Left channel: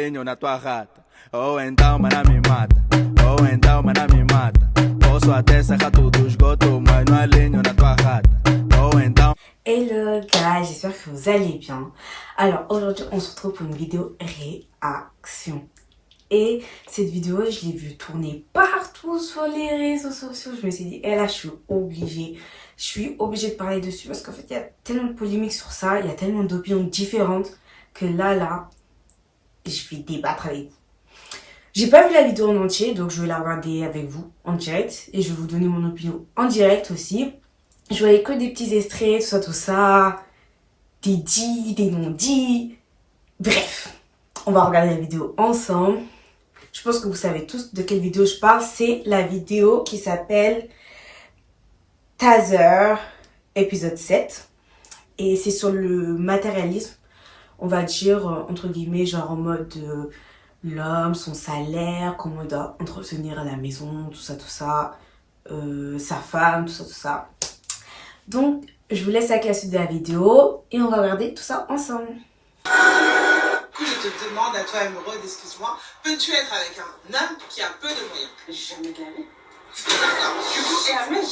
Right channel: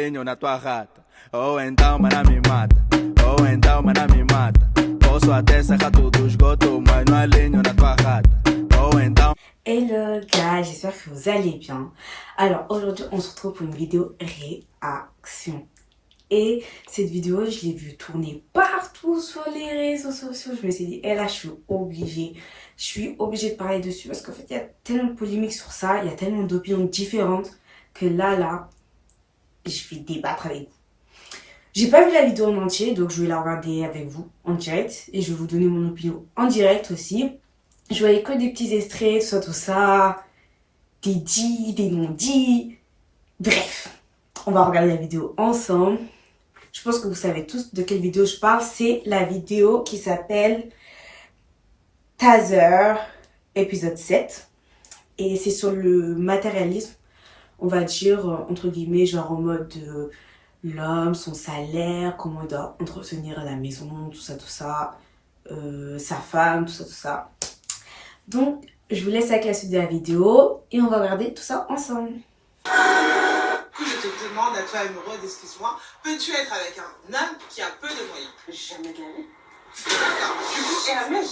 Na tua rata, ou então mana me mata, ou então mana me mata. Posso até sacar tudo esgoto, mas não alinho na tua rata, ou então. Hello guys, j'espère que vous allez bien. Alors aujourd'hui on se retrouve pour une vidéo réaction. Et cette vidéo je l'ai vue tourner partout sur les réseaux sociaux. Je me suis dit, là je suis obligée de parler dessus parce qu'en fait il y a tellement de polémiques sur ça, il y a tellement d'opinions différentes que là je vais débattre avec vous. J'ai pas vu la vidéo en entier, donc je vais la regarder avec vous en direct et je vais vous donner mon opinion en direct aussi. Je voyais que des petits extraits, tout ça, des dits, des non-dits. Bref, on va regarder la vidéo ensemble. Je pense que vous savez tous de quelle vidéo je parle. C'est la vidéo qui s'appelle Taser, épisode 7. Et c'est sur le matérialisme, on va dire, entre guillemets, genre en mode l'homme, son salaire, comment il doit entretenir la maison, tout ça, sa femme, tout ça. Donc, je vous laisse avec la suite de la vidéo et on va regarder tout ça ensemble. Je te demande à toi amoureux, excuse-moi, peux-tu être avec un homme qui a peu de moyens? Jamais de la vie. D'accord. Du coup, Jamais.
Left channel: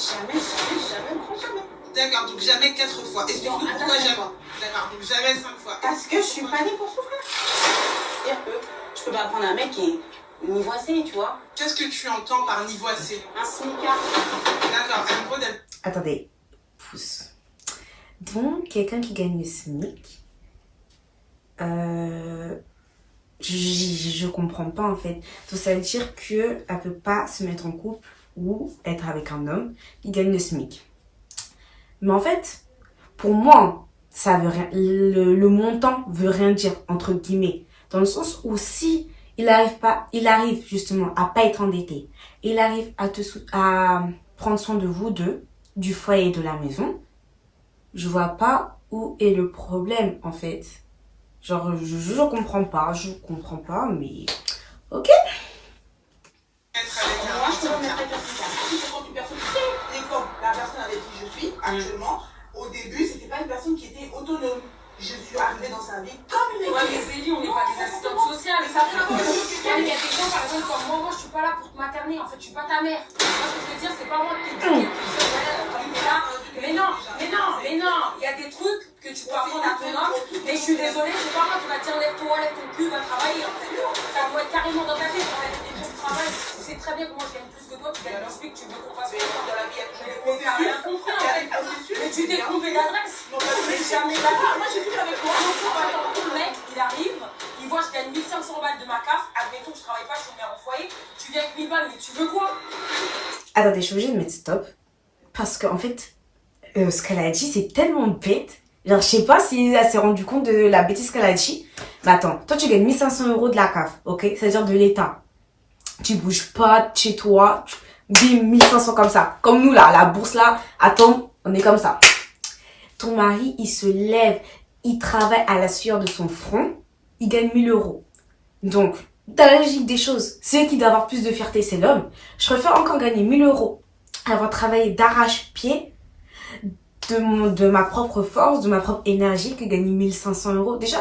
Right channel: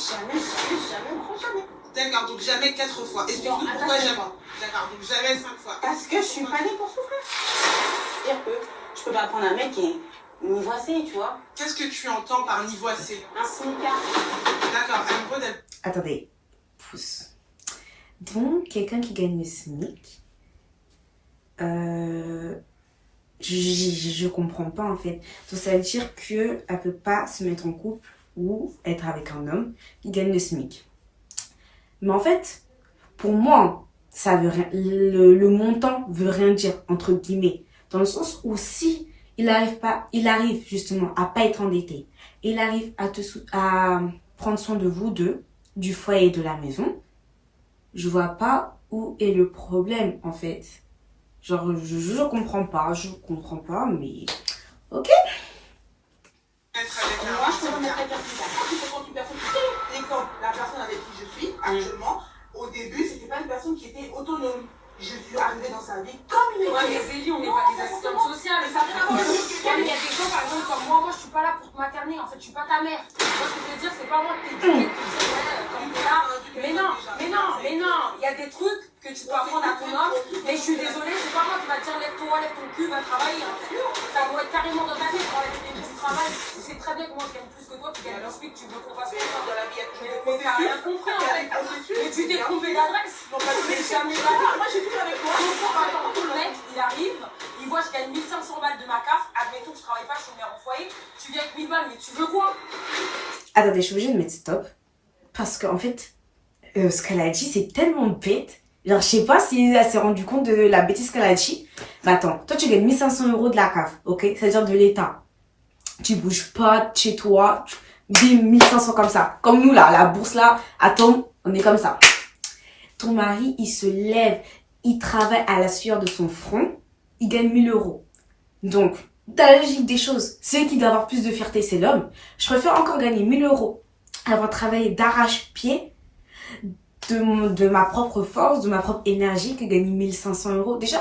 d'accord, donc jamais 4 fois. Explique-nous pourquoi jamais. D'accord, donc jamais 5 fois. Parce que je suis pas née pour souffrir. C'est-à-dire que je peux pas prendre un mec qui est nivoisé, tu vois. Qu'est-ce que tu entends par nivoisé? Un smicard. D'accord, amoureux d'être... Attendez, pouce. Donc, quelqu'un qui gagne le SMIC, je comprends pas en fait. Donc ça veut dire qu'elle peut pas se mettre en couple ou être avec un homme qui gagne le SMIC. Mais en fait, pour moi, ça veut rien, le montant veut rien dire, entre guillemets. Dans le sens où si il arrive justement à pas être endetté, il arrive à prendre soin de vous deux, du foyer et de la maison, je vois pas où est le problème en fait. Genre, je comprends pas, mais ok. Être avec un Moi, je peux homme me qui a... mettre avec un smicard. Quand une personne qui est comme la personne avec qui je suis actuellement, au début, c'était pas une personne qui était autonome. Je suis arrivée dans sa vie comme une Ouais, équipe. mais Zélie, on n'est pas des assistantes sociales. Mais ça fait quoi? Il y a des gens, par exemple, comme moi, je suis pas là pour te materner. En fait, je suis pas ta mère. Tu vois ce que je veux dire? C'est pas moi qui t'éduque. Mais non. Il y a des trucs que tu peux apprendre à ton homme. Mais je suis désolée, c'est pas moi qui va te dire lève-toi, lève ton cul, va travailler. En fait, ça doit être carrément dans ta tête. Tu travailles. Tu sais très bien que moi, je gagne plus que toi. Tu gagnes plus que tu veux qu'on fasse Mais dans la vie, il y a toujours des T'as rien processus. compris, en fait. Mais tu t'es trouvé l'adresse. Non, pas Mais jamais d'accord. Moi, j'ai vu avec toi. Le mec, il arrive, il voit je gagne 1500 balles de ma CAF, admettons que je travaille pas, je suis mère au foyer, tu viens avec 1000 balles, mais tu veux quoi? Attendez, je suis obligée de mettre stop. Parce qu'en fait, ce qu'elle a dit, c'est tellement bête. Genre, je sais pas si elle s'est rendue compte de la bêtise qu'elle a dit. Mais attends, toi, tu gagnes 1500 € de la CAF, ok? C'est-à-dire de l'État. Tu bouges pas de chez toi, bim, 1500 comme ça. Comme nous, là, la bourse, là, attends, on est comme ça. Ton mari, il se lève, il travaille à la sueur de son front, il gagne 1000 €. Donc, dans la logique des choses, celui qui doit avoir plus de fierté, c'est l'homme. Je préfère encore gagner 1000 € avoir travaillé d'arrache-pied de ma propre force, de ma propre énergie, que gagner 1500 €. Déjà,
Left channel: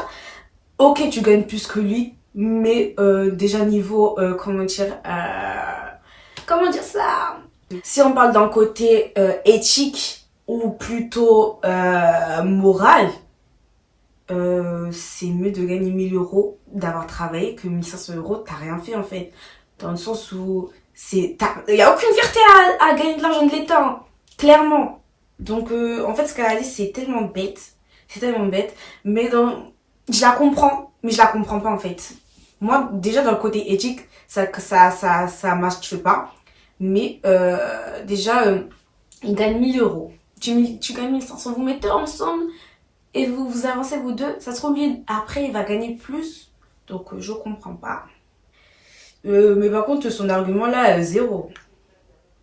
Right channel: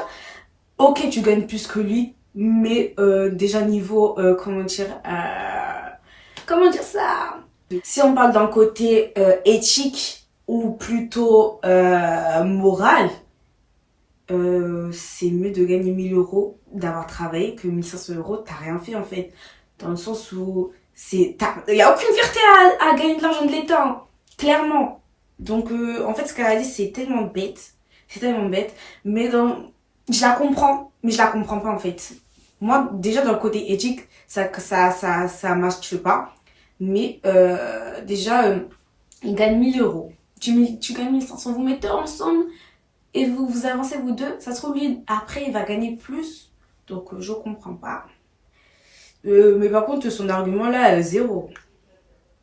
ok, tu gagnes plus que lui, mais déjà niveau, comment dire ça? Si on parle d'un côté éthique ou plutôt moral, c'est mieux de gagner 1000 € d'avoir travaillé que 1500 €, t'as rien fait en fait. Dans le sens où il y a aucune fierté à gagner de l'argent de l'État, hein, clairement. Donc en fait ce qu'elle a dit c'est tellement bête, mais je la comprends, mais je la comprends pas en fait. Moi déjà dans le côté éthique ça marche pas, mais déjà il gagne 1000 €. Tu gagnes 1500, vous mettez ensemble et vous avancez vous deux, ça se trouve lui après il va gagner plus, donc je comprends pas. Mais par contre son argument là zéro.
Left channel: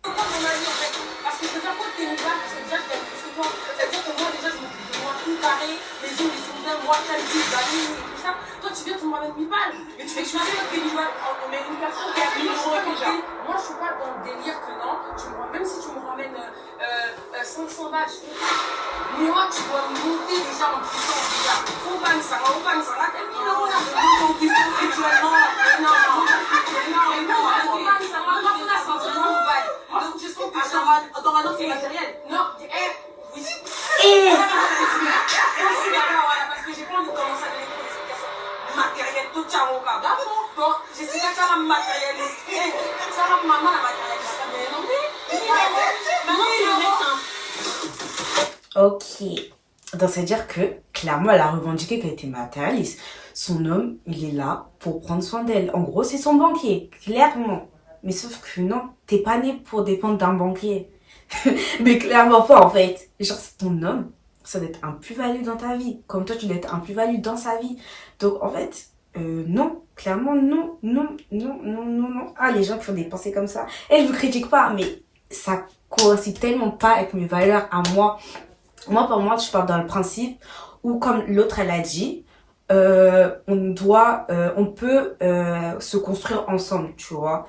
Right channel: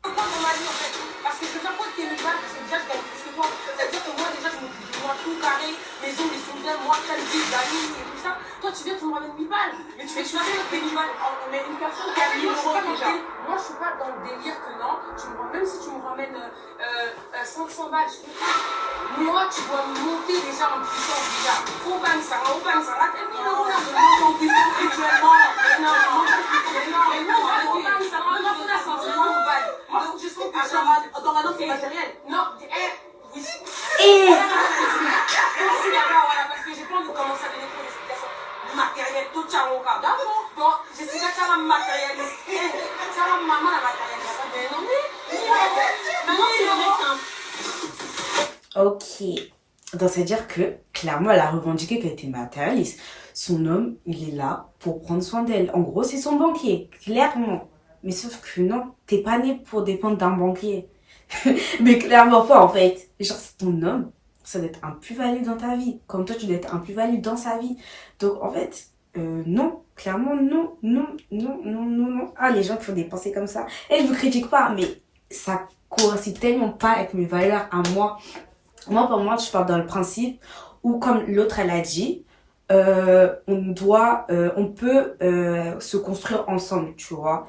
Pourquoi ton mari, en fait? Parce que je veux faire quoi de tes 1000 balles? Parce que déjà, je gagne plus que toi. C'est-à-dire que moi, déjà, je m'occupe de moi tout carré, les ongles, ils sont bien, moi, qualité, d'amis, et tout ça. Toi, tu viens, tu me ramènes 1000 balles. Mais tu fais que je fais avec tes 1000 balles. Mais une personne qui a 1000 € déjà. Moi, je suis pas dans le délire que non. Même si tu me ramènes 500 balles, je fais pas. Moi, tu dois monter déjà en puissance, déjà. Au bang, ça va, là, t'as 1000 € là. Je monte en puissance, Chamoka, d'accord? Donc, je suis là, ça va me matérialiser. Ça va me maman la matérialiser. Mais non, oui. Ok. Donc, c'est-à-dire que, clairement, elle a revendiqué qu'elle était matérialiste. Son homme, il est là pour prendre soin d'elle. En gros, c'est son banquier, clairement. Mais sauf que non, t'es pas né pour dépendre d'un banquier. Mais clairement pas, en fait. Genre, c'est ton homme, ça doit être un plus-value dans ta vie. Comme toi, tu dois être un plus-value dans sa vie. Donc, en fait, non. Clairement, non. Ah, les gens qui font des pensées comme ça. Et je vous critique pas, mais ça coïncide tellement pas avec mes valeurs à moi. Moi, pour moi, je pars dans le principe où, comme l'autre, elle a dit, on peut se construire ensemble, tu vois.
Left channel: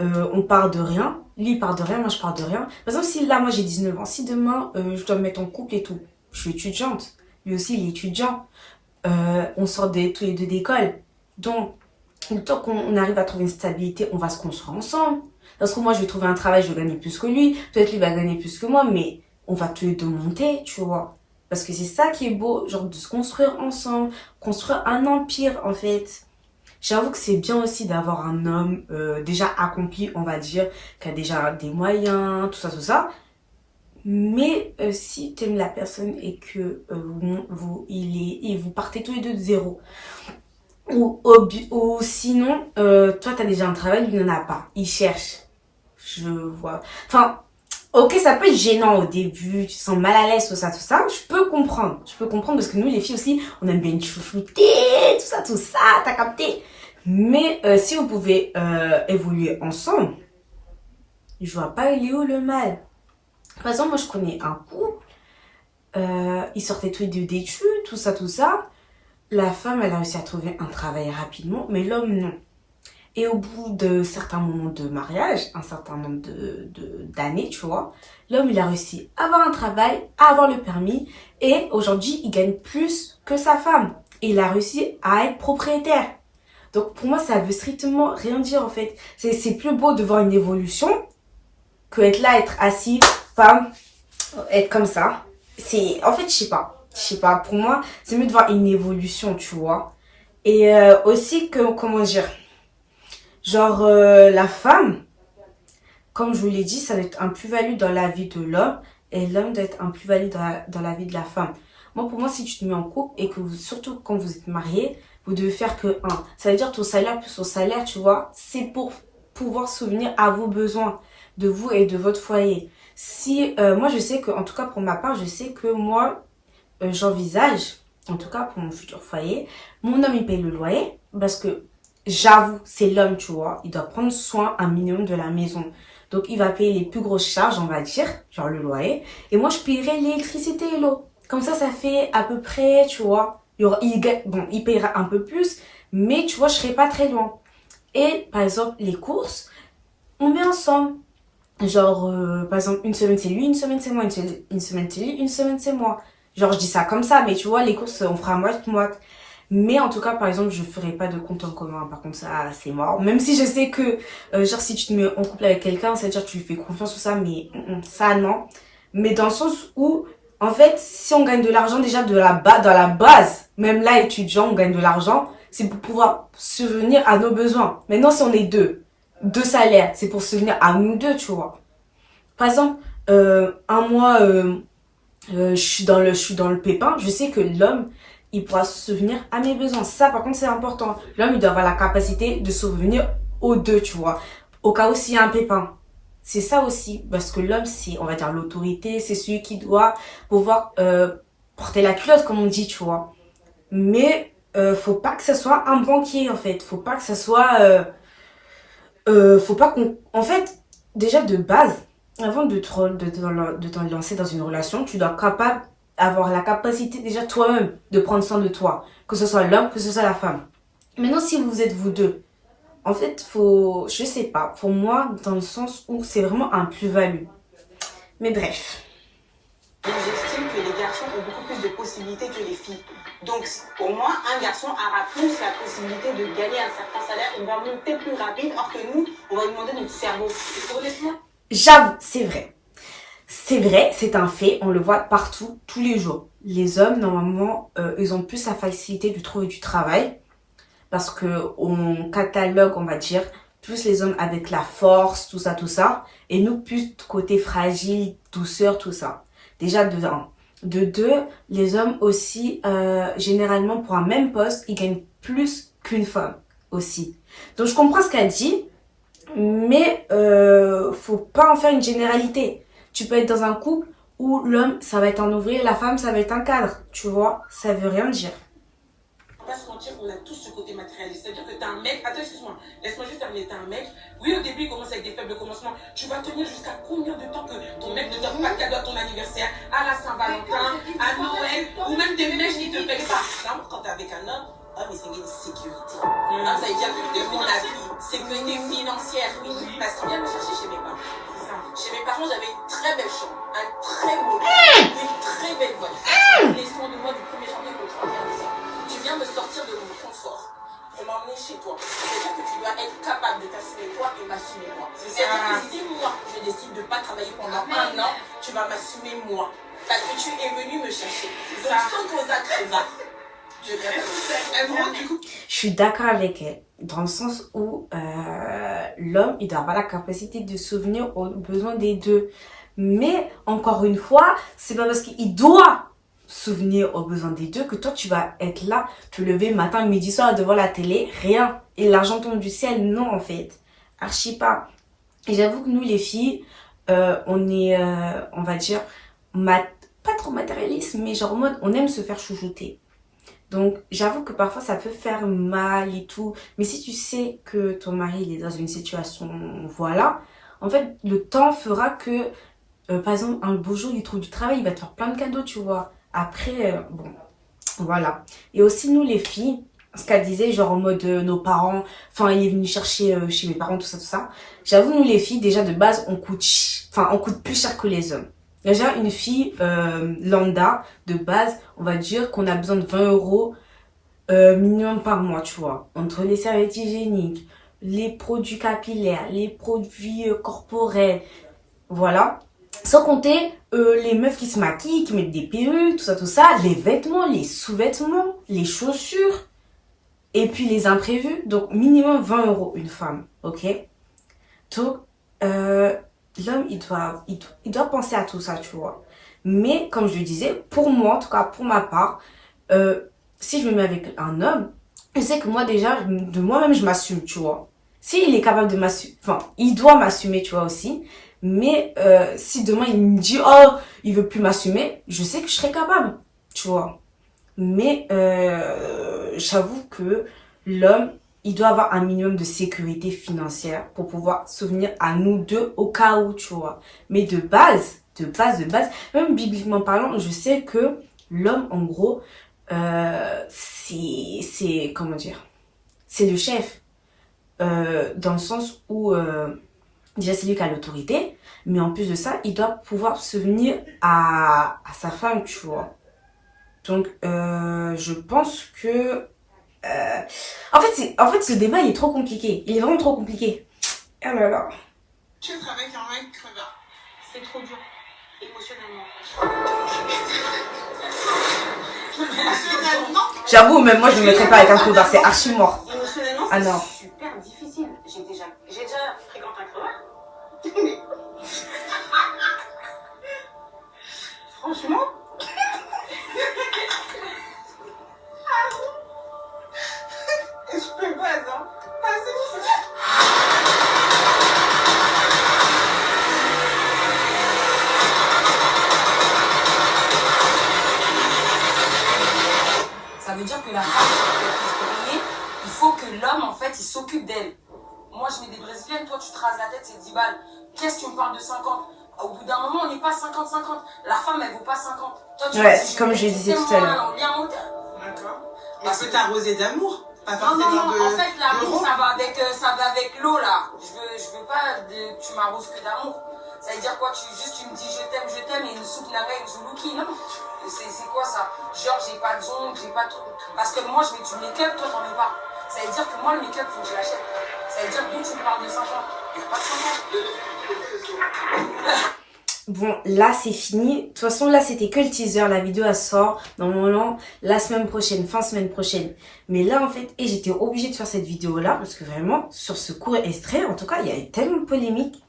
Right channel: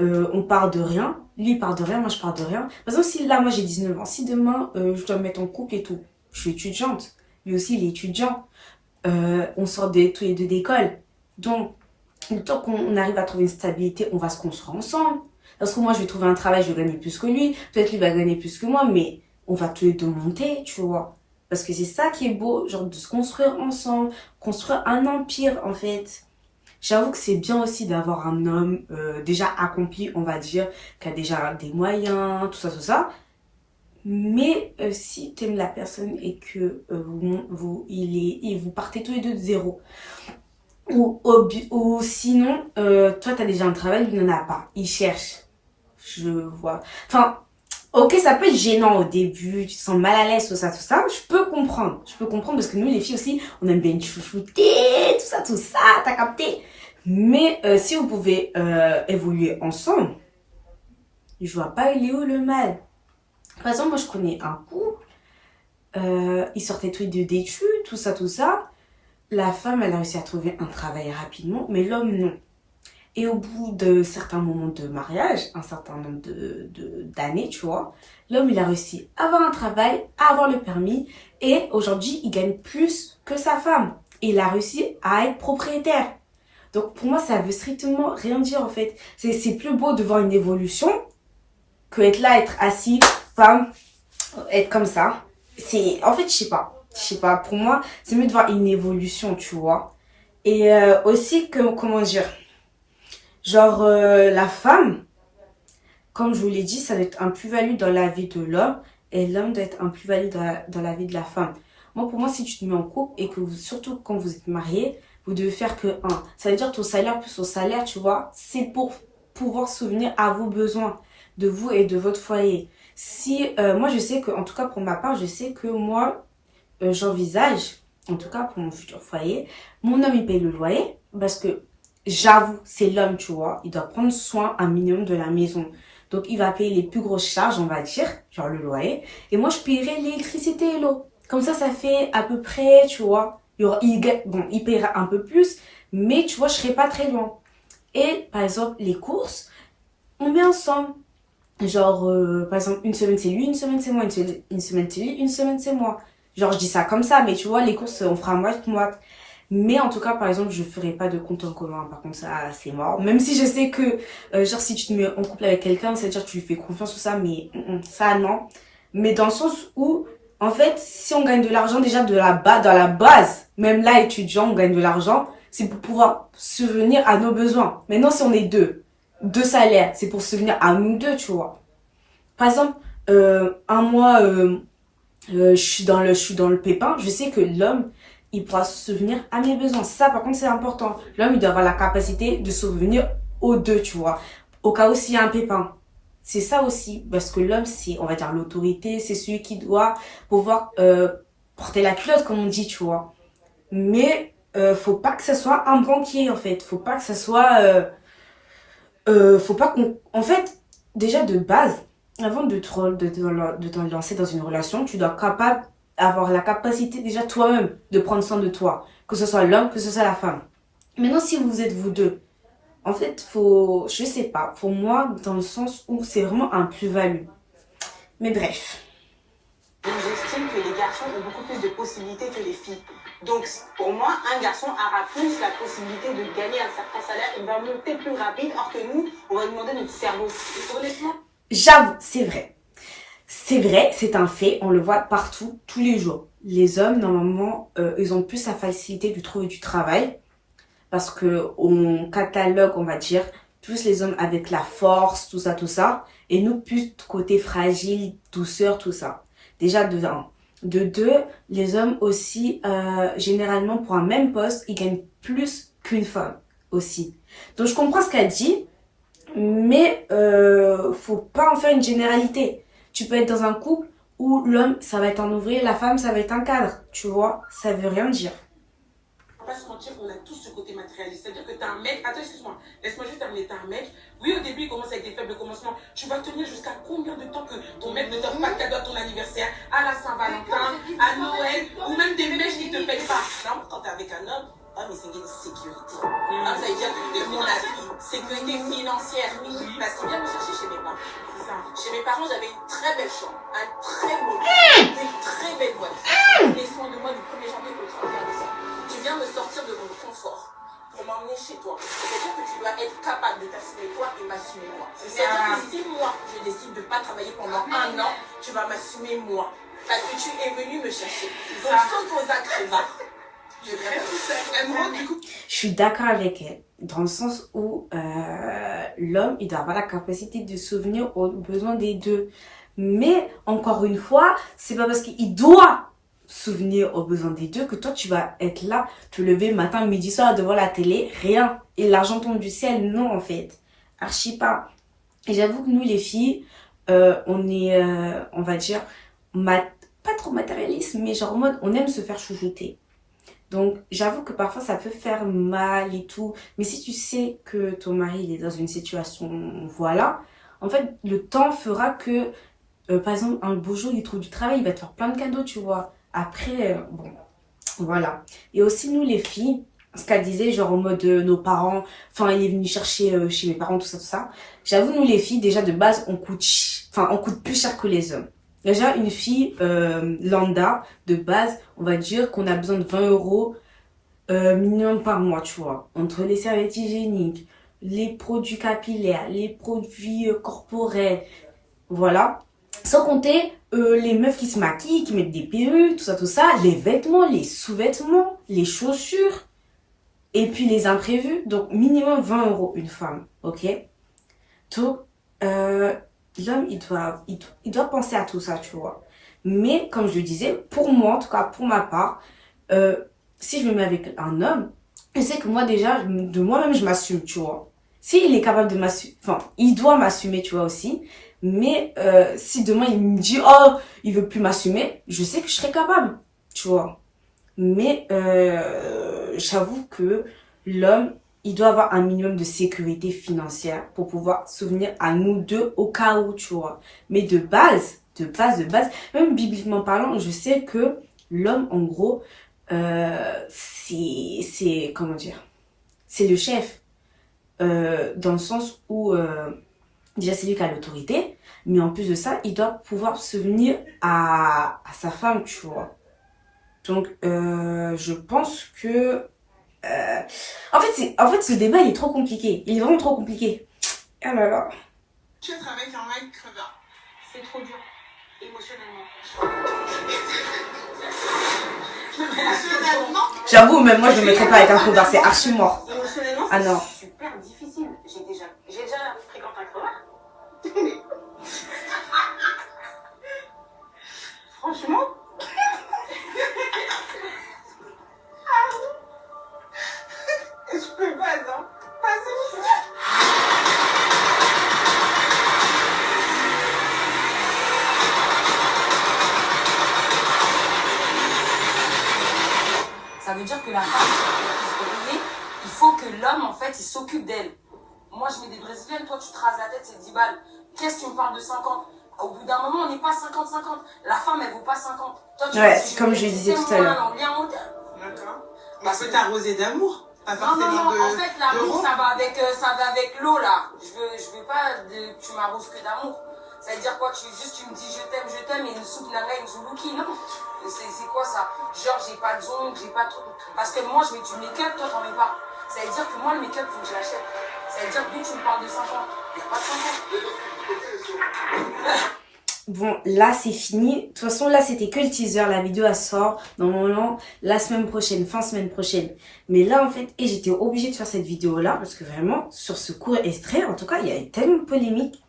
On part de rien, lui il part de rien, moi je pars de rien. Par exemple, si là moi j'ai 19 ans, si demain je dois me mettre en couple et tout, je suis étudiante, lui aussi il est étudiant, on sort tous les deux d'école, donc le temps qu'on arrive à trouver une stabilité, on va se construire ensemble. Parce que moi je vais trouver un travail, je vais gagner plus que lui, peut-être lui va gagner plus que moi, mais on va tous les deux monter, tu vois. Parce que c'est ça qui est beau, genre de se construire ensemble, construire un empire en fait. J'avoue que c'est bien aussi d'avoir un homme déjà accompli, on va dire, qui a déjà des moyens, tout ça. Mais si tu aimes la personne et que vous partez tous les deux de zéro, ou sinon, toi, tu as déjà un travail, lui n'en a pas. Il cherche. Je vois. Enfin, ok, ça peut être gênant au début, tu te sens mal à l'aise, tout ça. Je peux comprendre parce que nous, les filles aussi, on aime bien chouchouter, tout ça, t'as capté. Mais si vous pouvez évoluer ensemble, je vois pas il est où le mal. Par exemple, moi je connais un couple, ils sortaient tous les deux d'études, tout ça. La femme, elle a réussi à trouver un travail rapidement, mais l'homme non. Et au bout de certains moments de mariage, un certain nombre d'années, tu vois, l'homme il a réussi à avoir un travail, à avoir le permis, et aujourd'hui il gagne plus que sa femme. Et il a réussi à être propriétaire. Donc pour moi, ça veut strictement rien dire en fait. C'est plus beau de voir une évolution que être là, être assis, femme, être comme ça. En fait, je sais pas. Pour moi, c'est mieux de voir une évolution, tu vois. Et aussi, comment dire, genre la femme, comme je vous l'ai dit, ça doit être un plus-value dans la vie de l'homme et l'homme doit être un plus-value dans la vie de la femme. Moi, pour moi, si tu te mets en couple et que surtout quand vous êtes mariés, vous devez faire que un. Ça veut dire ton salaire plus ton salaire, tu vois, c'est pour pouvoir souvenir à vos besoins de vous et de votre foyer. Si moi, je sais que, en tout cas pour ma part, je sais que moi, j'envisage, en tout cas pour mon futur foyer, mon homme il paye le loyer parce que j'avoue, c'est l'homme, tu vois, il doit prendre soin un minimum de la maison. Donc il va payer les plus grosses charges, on va dire, genre le loyer, et moi je paierai l'électricité et l'eau. Comme ça fait à peu près, tu vois, il paiera un peu plus, mais tu vois, je serai pas très loin. Et par exemple, les courses, on met ensemble. Genre, par exemple, une semaine c'est lui, une semaine c'est moi, une semaine c'est lui, une semaine c'est moi. Genre, je dis ça comme ça, mais tu vois, les courses, on fera moite-moite. Mais en tout cas, par exemple, je ferai pas de compte en commun. Par contre, ça, c'est mort. Même si je sais que, genre, si tu te mets en couple avec quelqu'un, c'est-à-dire que tu lui fais confiance ou ça, mais ça, non. Mais dans le sens où, en fait, si on gagne de l'argent déjà dans la base, même là, étudiant, on gagne de l'argent, c'est pour pouvoir subvenir à nos besoins. Maintenant, si on est deux salaires, c'est pour subvenir à nous deux, tu vois. Par exemple, un mois, je suis dans le pépin, je sais que l'homme, il pourra subvenir à mes besoins. Ça, par contre, c'est important. L'homme, il doit avoir la capacité de subvenir aux deux, tu vois. Au cas où s'il y a un pépin. C'est ça aussi. Parce que l'homme, c'est, on va dire, l'autorité. C'est celui qui doit pouvoir porter la culotte, comme on dit, tu vois. Mais faut pas que ce soit un banquier, en fait. Faut pas que ce soit... faut pas qu'on... En fait, déjà de base, avant de te lancer dans une relation, tu dois avoir la capacité déjà toi-même de prendre soin de toi. Que ce soit l'homme, que ce soit la femme. Maintenant, si vous êtes vous deux, en fait, je sais pas, pour moi, dans le sens où c'est vraiment un plus-value. Mais bref. J'estime que les garçons ont beaucoup plus de possibilités que les filles. Donc, pour moi, un garçon aura plus la possibilité de gagner un certain salaire. Il va monter plus rapide, alors que nous, on va lui demander notre cerveau. Honnêtement, j'avoue, c'est vrai. C'est vrai, c'est un fait, on le voit partout, tous les jours. Les hommes, normalement, ils ont plus la facilité de trouver du travail. parce que on catalogue, on va dire, plus les hommes avec la force, tout ça, et nous plus côté fragile, douceur, tout ça. Déjà de un. De deux, les hommes aussi, généralement pour un même poste, ils gagnent plus qu'une femme aussi. Donc je comprends ce qu'elle dit, mais faut pas en faire une généralité. Tu peux être dans un couple où l'homme, ça va être un ouvrier, la femme, ça va être un cadre. Tu vois, ça veut rien dire. On va pas se mentir, on a tous ce côté matérialiste. C'est-à-dire que t'as un mec, attends, excuse-moi, laisse-moi juste terminer, t'as un mec, oui, au début, il commence avec des faibles commencements. Tu vas tenir jusqu'à combien de temps que ton mec ne t'offre pas de cadeau à ton anniversaire, à la Saint-Valentin, à Noël, ou même des mèches qui te payent pas. Non, quand t'es avec un homme, ah, mais c'est une sécurité. Ah, ça veut dire que mon avis, sécurité financière, oui, parce qu'il vient me chercher chez mes parents. C'est ça. Chez mes parents, j'avais une très belle chambre, un très beau lit, une très belle voiture. Les soins de moi du 1er janvier au 31 décembre. Tu viens me sortir de mon confort pour m'emmener chez toi. C'est-à-dire que tu dois être capable de t'assumer toi et m'assumer moi. C'est-à-dire que si moi, je décide de ne pas travailler pendant un an, tu vas m'assumer moi. Parce que tu es venu me chercher. Donc, saute aux actes, va. Je suis d'accord avec elle, dans le sens où l'homme, il doit avoir la capacité de souvenir aux besoins des deux. Mais, encore une fois, c'est pas parce qu'il doit souvenir aux besoins des deux que toi, tu vas être là, te lever matin, midi, soir devant la télé, rien. Et l'argent tombe du ciel, non, en fait. Archi pas. Et j'avoue que nous, les filles, on est, on va dire, pas trop matérialiste, mais genre en mode, on aime se faire chouchouter. Donc, j'avoue que parfois, ça peut faire mal et tout. Mais si tu sais que ton mari, il est dans une situation, voilà, en fait, le temps fera que, par exemple, un beau jour, il trouve du travail, il va te faire plein de cadeaux, tu vois. Après, bon, voilà. Et aussi, nous, les filles, ce qu'elle disait, genre en mode nos parents, enfin, il est venu chercher chez mes parents, tout ça. J'avoue, nous, les filles, déjà, de base, on coûte plus cher que les hommes. Déjà, une fille lambda, de base, on va dire qu'on a besoin de 20 € minimum par mois, tu vois. Entre les serviettes hygiéniques, les produits capillaires, les produits corporels, voilà. Sans compter les meufs qui se maquillent, qui mettent des perruques, tout ça, les vêtements, les sous-vêtements, les chaussures, et puis les imprévus. Donc, minimum 20 € une femme, ok? Donc, l'homme, il doit penser à tout ça, tu vois. Mais, comme je le disais, pour moi, en tout cas pour ma part, si je me mets avec un homme, je sais que moi déjà, de moi-même, je m'assume, tu vois. S'il est capable de m'assumer, enfin, il doit m'assumer, tu vois, aussi. Mais si demain, il me dit, oh, il veut plus m'assumer, je sais que je serai capable, tu vois. Mais j'avoue que l'homme, il doit avoir un minimum de sécurité financière pour pouvoir souvenir à nous deux au cas où, tu vois. Mais de base, même bibliquement parlant, je sais que l'homme, en gros, c'est comment dire, c'est le chef. Dans le sens où, déjà, c'est lui qui a l'autorité. Mais en plus de ça, il doit pouvoir souvenir à sa femme, tu vois. Donc, je pense que... En fait, ce débat, il est trop compliqué. Il est vraiment trop compliqué. Ah là là. Tu es avec un mec crevard. C'est trop dur, émotionnellement. Émotionnellement, J'avoue, même moi, je ne me mettrais pas avec un crevard. C'est archi mort. Émotionnellement, Ah non. c'est super difficile. J'ai déjà fréquenté un crevard. Franchement, je peux pas, non. Ah, c'est bon. Ça veut dire que la femme, pour qu'elle puisse briller, il faut que l'homme, en fait, il s'occupe d'elle. Moi, je mets des brésiliennes, toi, tu te rases la tête, c'est 10 balles. Qu'est-ce que tu me parles de 50? Au bout d'un moment, on n'est pas 50-50. La femme, elle vaut pas 50. Toi, tu Ouais, vois, si comme mets je disais tellement tout à l'heure. en lien monté. D'accord. Mais c'est t'arroser d'amour. Pas Non, forcément de... en fait, l'amour, de- ça va avec l'eau, là. Je veux pas que tu m'arroses que d'amour. Ça veut dire quoi? Tu me dis je t'aime, et une soupe navet, une zuluki, non? C'est quoi ça? Genre, j'ai pas de ongles, j'ai pas de truc. Parce que moi, je mets du make-up, toi, t'en mets pas. Ça veut dire que moi, le make-up, faut que je l'achète. Ça veut dire que d'où tu me parles de 5 ans? Il n'y a pas de 5 ans. Bon, là, c'est fini. De toute façon, là, c'était que le teaser. La vidéo, elle sort normalement la semaine prochaine, fin semaine prochaine. Mais là, en fait, et j'étais obligée de faire cette vidéo-là parce que vraiment, sur ce court extrait, en tout cas, il y a eu tellement de polémique.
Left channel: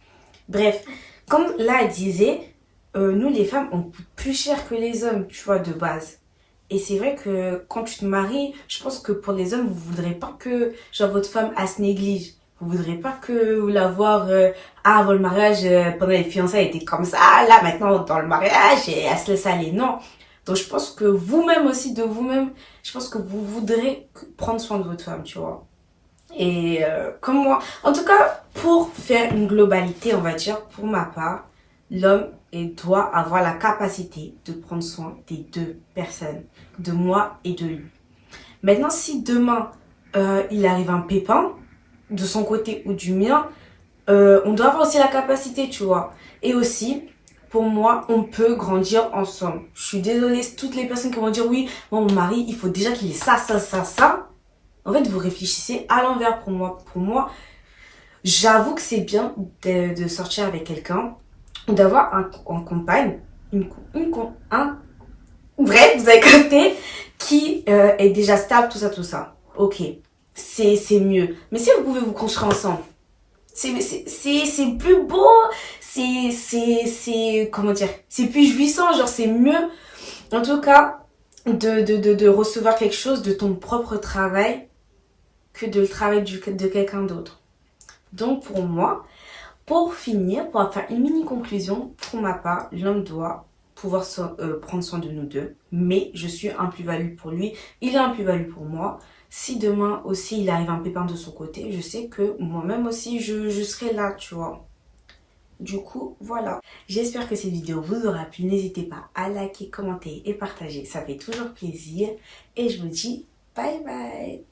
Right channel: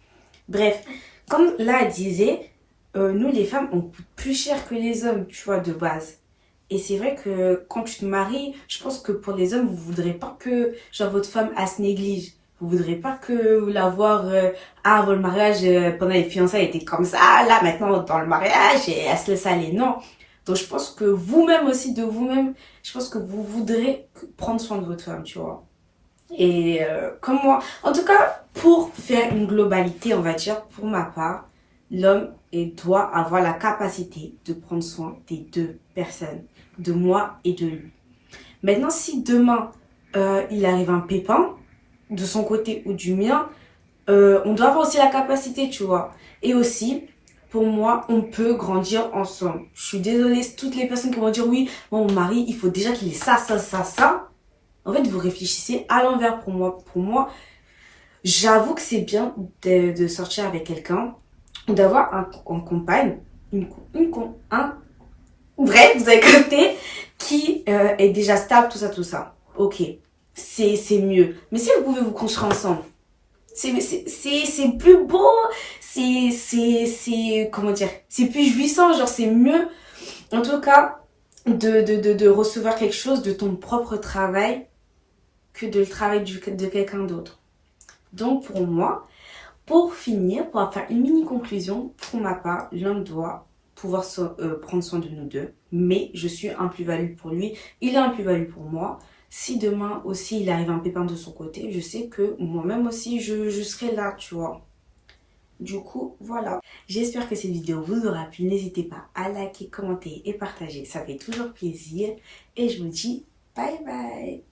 Bref, comme là, elle disait, nous, les femmes, on coûte plus cher que les hommes, tu vois, de base. Et c'est vrai que quand tu te maries, je pense que pour les hommes, vous voudrez pas que genre votre femme elle se néglige. Vous voudrez pas que vous la voir avant le mariage, pendant les fiançailles, elle était comme ça. Là, maintenant, dans le mariage, et elle se laisse aller. Non. Donc, je pense que vous-même aussi, de vous-même, je pense que vous voudrez prendre soin de votre femme, tu vois. Et comme moi, en tout cas, pour faire une globalité, on va dire, pour ma part, l'homme doit avoir la capacité de prendre soin des deux personnes, de moi et de lui. Maintenant, si demain, il arrive un pépin, de son côté ou du mien, on doit avoir aussi la capacité, tu vois. Et aussi, pour moi, on peut grandir ensemble. Je suis désolée, toutes les personnes qui vont dire, oui, moi, mon mari, il faut déjà qu'il ait ça, ça, ça, ça. En fait, vous réfléchissez à l'envers pour moi. Pour moi, j'avoue que c'est bien de sortir avec quelqu'un, d'avoir un compagne, bref, vous avez capté, qui est déjà stable, tout ça. Ok, c'est mieux. Mais si vous pouvez vous construire ensemble, c'est plus beau, comment dire, c'est plus jouissant, genre c'est mieux. En tout cas, de recevoir quelque chose de ton propre travail que de le travail de quelqu'un d'autre. Donc pour moi, pour finir, pour faire une mini conclusion, pour ma part, l'homme doit pouvoir prendre soin de nous deux, mais je suis un plus-value pour lui, il est un plus-value pour moi. Si demain aussi il arrive un pépin de son côté, je sais que moi-même aussi je serai là, tu vois. Du coup, voilà. J'espère que cette vidéo vous aura plu. N'hésitez pas à liker, commenter et partager. Ça fait toujours plaisir. Et je vous dis bye bye.